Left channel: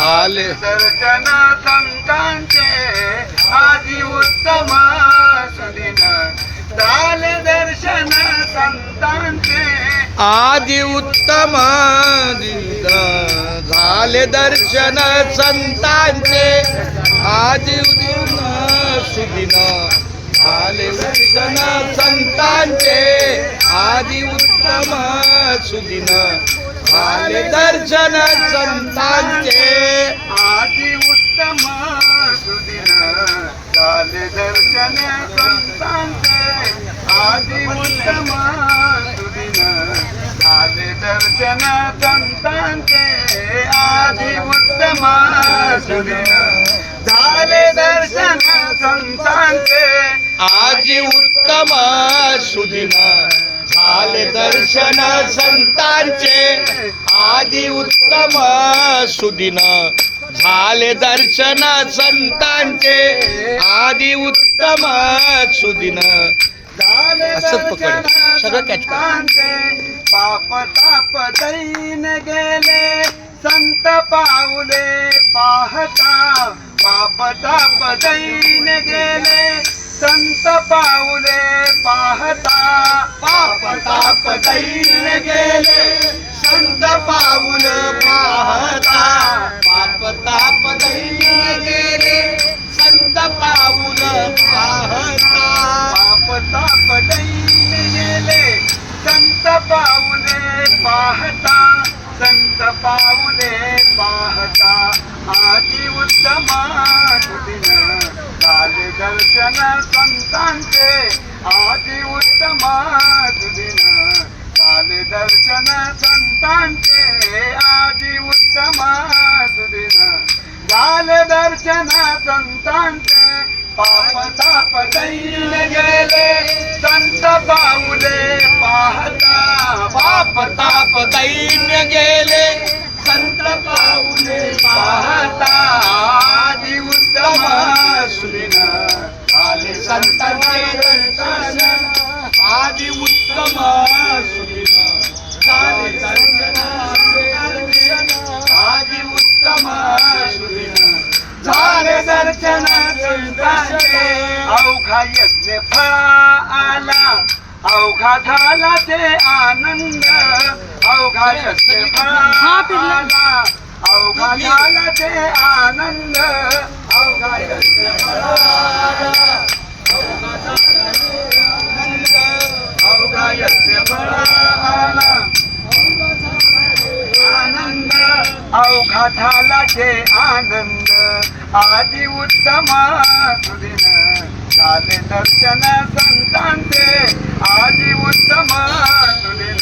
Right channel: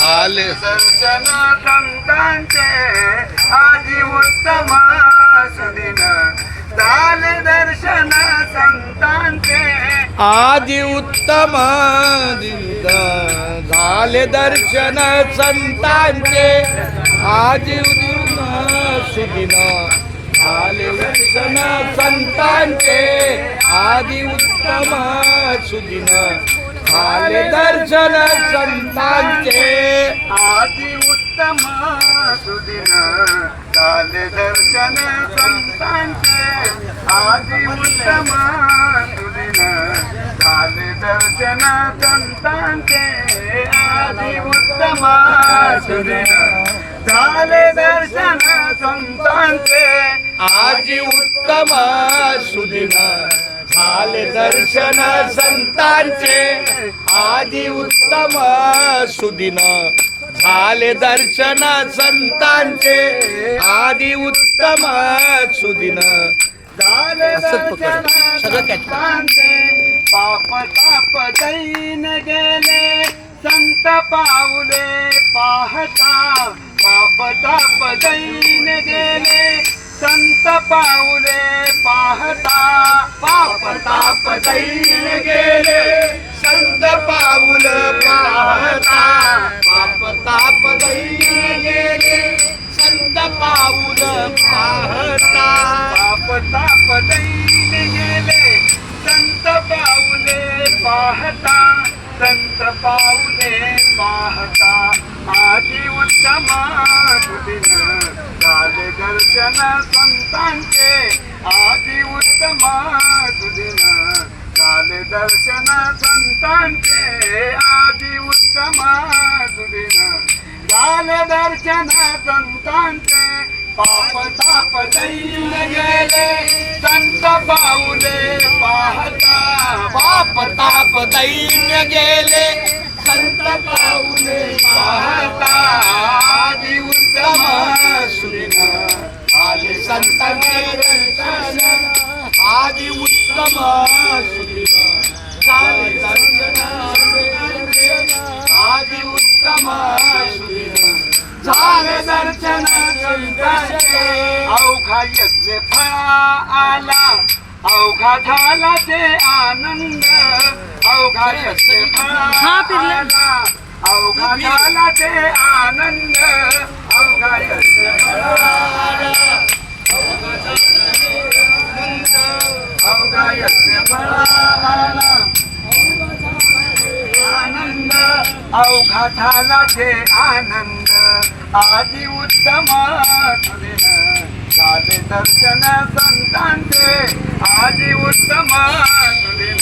झाले दर्शन संतांचे आदि उत्तम सुदिन झाले दर्शन संतांचे आदि उत्तम दिन झाले दर्शन संतांचे आदि उत्तम सुदिन झाले दर्शन संतांचे आदि उत्तम सुदिन झाले दर्शन संतांचे आदि उत्तम सुदिन झाले दर्शन संतांचे आदि उत्तम सुदिन झाले दर्शन संतांचे आदि उत्तम सुदिन झाले दर्शन संतांचे आदि उत्तम सुदिन झाले दर्शन संतांचे आदि उत्तम सुदिन झाले दर्शन संतांचे आदि उत्तम सुदिन झाले दर्शन संतांचे पाप ताप दैन गेले संत पाऊले पाहता पाप ताप दैन गेले संत पाऊले पाहता पाप ताप दैन गेले संत पाऊले पाहता पाप ताप दैन गेले संत पाऊल पाहता पाप ताप दैन गेले संत पाऊले पाहता संत पाऊले पाहता आदि उत्तम सुदिन झाले दर्शन संतांचे आदि उत्तम सुदिन झाले दर्शन संतांचे आदि उत्तम सुदिन झाले दर्शन संतांचे पाप ताप दैन गेले संत पाऊले पाहता पाप ताप दैन गेले संत पाऊले पाहता आदि उत्तम सुदिन झाले संतांचे दर्शन आदि उत्तम सुदिन झाले दर्शन आदि उत्तम सुदिन झाले दर्शन संतांचे अवघा यज्ञ फळा आला अवघा झाला ते आनंद अवघा यज्ञ फळा आला अवघा झाला ते आनंद अवघा यज्ञ फळा आला अवघा यज्ञ फळा आला अवघा झाला ते आनंद आदि उत्तम सुदिन झाले दर्शन संतांचे आदि उत्तम सुदिन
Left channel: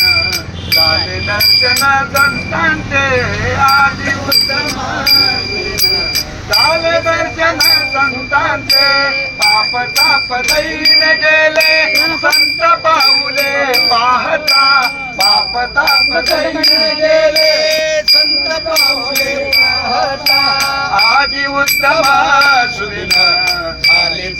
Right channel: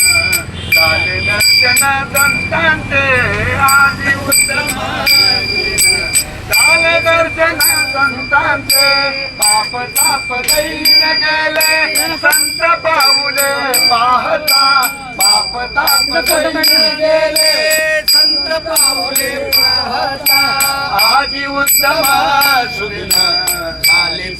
झाले दर्शन संतांचे आदि उत्तम सुदिन झाले दर्शन संतांचे पाप ताप दैन गेले संत पाऊले पाहता पाप ताप दैन गेले संत पाऊले पाहता आदि उत्तम सुदिन झाले